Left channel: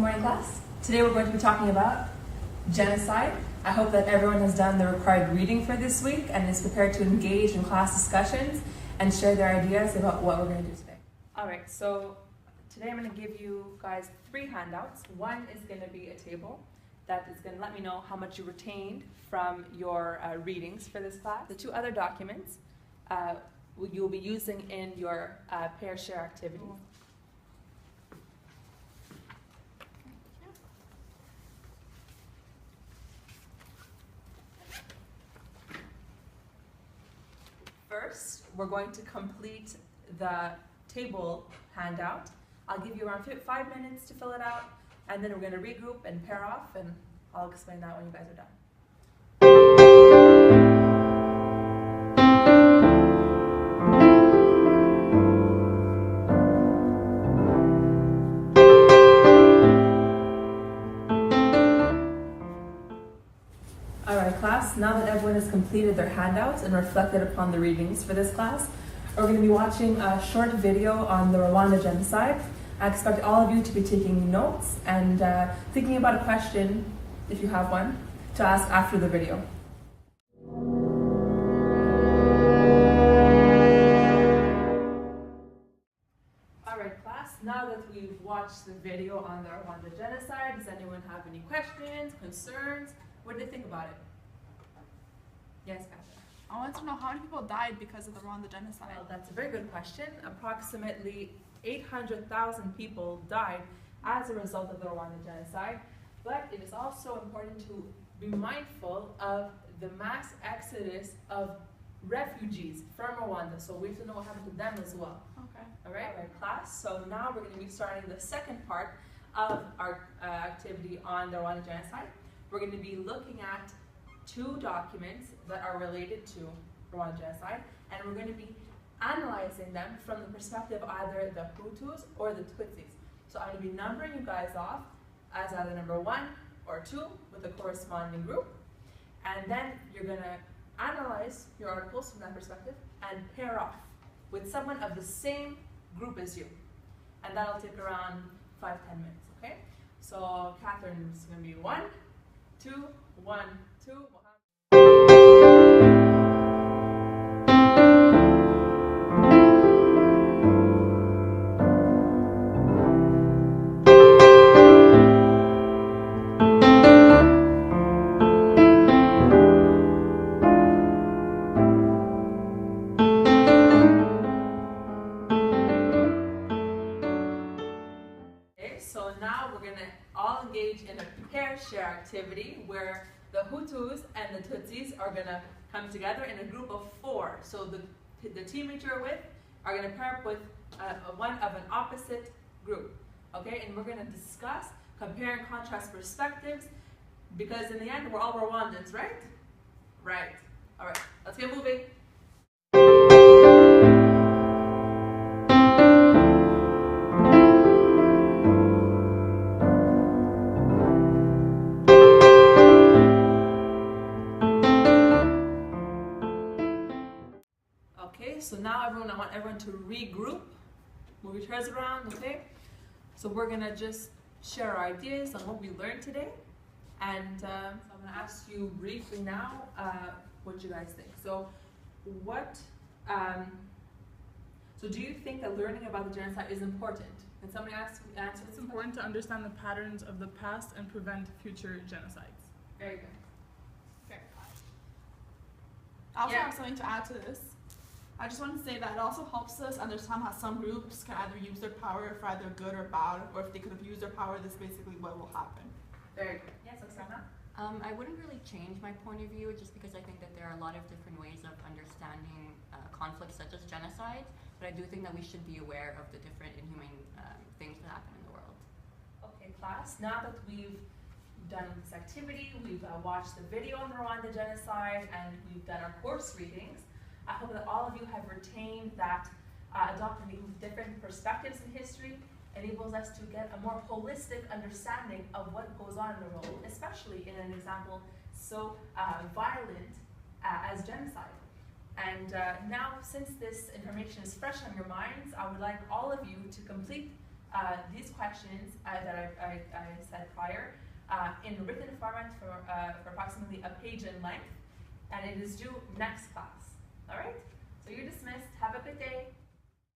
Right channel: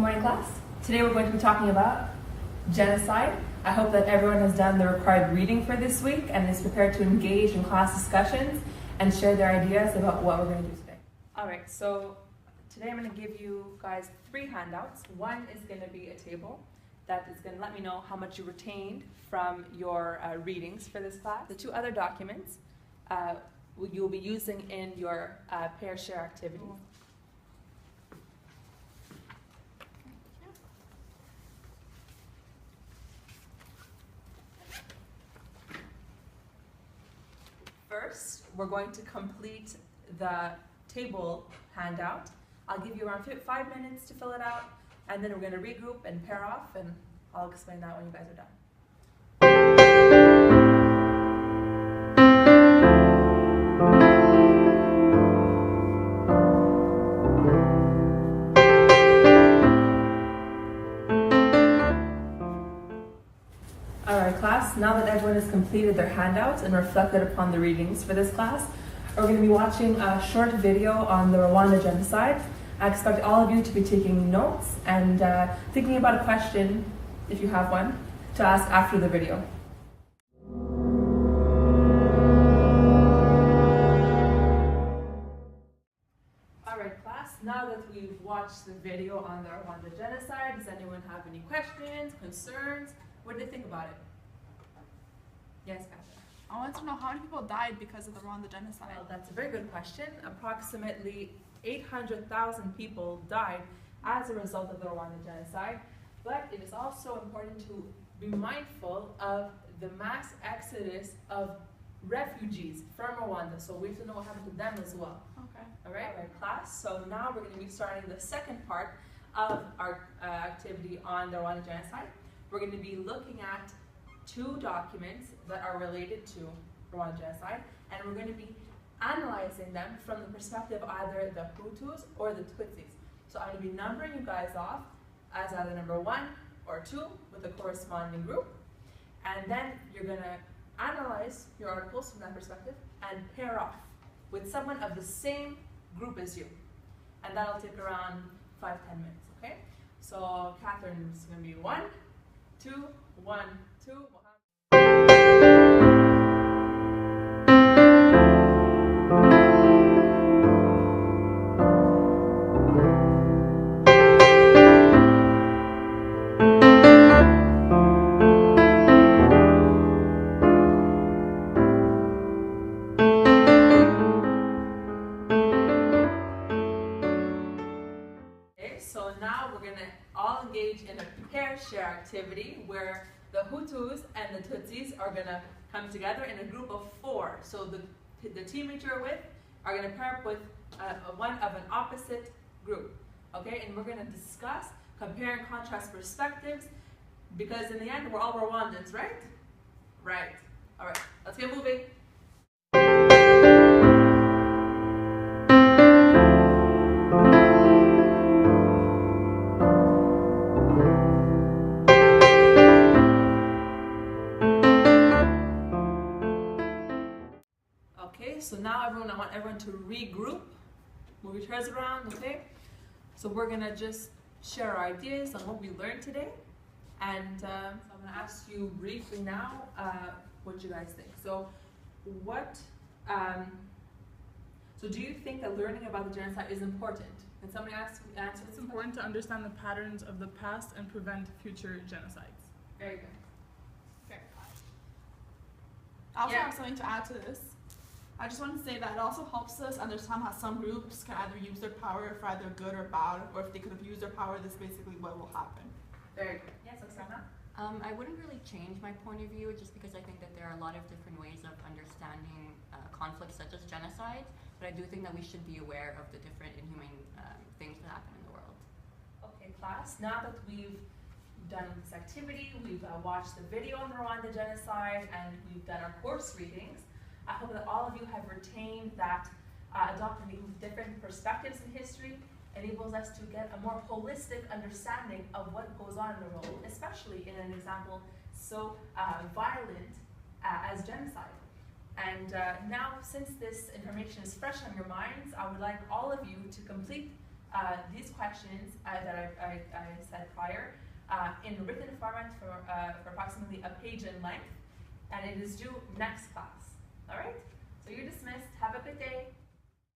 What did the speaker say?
morning, class. Today we're going to be talking about genocide. I hope that everyone has done the required reading for this week and is prepared to engage in class discussions and share their ideas about what we're going to do today. All right, so today I'm going to give you guys 3 handouts. One is going to be a table that is going to let me know how much you retained from your readings for this class. The 2 other documents you'll be using in your pair share activities. First, we're going to complete the table handout. I'll give you around 5 minutes to fill it out, and then we're going to regroup and pair off, and I'll explain that when you guys are done. Alright class, now that everyone has completed their handouts and reflected upon the readings for this class, we're going to be watching a short video on the Rwanda genocide. I expect all of you to be taking notes and thinking about a question, if you have one, to ask after the video. Alright class, now that we've watched the video on the Rwanda genocide, does anyone have any questions, concerns? What did they think about it? Yes, Katja. I want to know how many people died because of the Rwanda genocide. Well, that's a very good question. Approximately 800,000 people died as a result of the Rwanda genocide, but it is also important to be mindful of the mass exodus of refugees from Rwanda, so we have to know what happened to them as well. Okay. All right, class. So now we're going to be starting the second part of our activity on the Rwanda genocide. We're going to be looking at 2 documents that are related to Rwanda genocide, and we're going to be analyzing them from the perspective of either the Hutus or the Tutsis. So I'm going to be numbering you guys off as either number 1 or 2 with the corresponding group, and then you're going to analyze your articles from that perspective and pair off with someone of the same group as you, and that'll take around 5-10 minutes. Okay? So Catherine is going to be 1, 2, 1, 2. Okay, so now we're going to all engage in a pair share activity where the Hutus and the Tutsis are going to come together in a group of 4. So the teammates you're with are going to pair up with one of an opposite group. Okay, and we're going to discuss, compare and contrast perspectives, because in the end we're all Rwandans, right? Right. All right, let's get moving. So now I want everyone to regroup, move your chairs around, okay? So we're gonna just share our ideas on what we learned today. And so I'm gonna ask you briefly now what you guys think. So so do you think that learning about the genocide is important? Can somebody answer this? It's important to understand the patterns of the past and prevent future genocides. Very good. Very good. I also have something to add to this. I just want to say that it also helps us understand how some groups can either use their power for either good or bad, or if they could have used their power, this is basically what will happen. Very good. Yes, Oksana? I wouldn't really change my point of view just because I think that there are a lot of different ways of understanding conflicts such as genocide, but I do think that we should be aware of the different inhumane things that happen in the world. Okay, class, now that we've done this activity, we've watched the video on the Rwanda genocide, and we've done our course readings, I hope that all of you have retained that adopting different perspectives in history enables us to get a more holistic understanding of what goes on in the world, especially in an example so violent as genocide. And now, since this information is fresh on your minds, I would like all of you to complete these questions that I said prior in written format for approximately a page in length, and it is due next class. All right? So you're dismissed. Have a good day.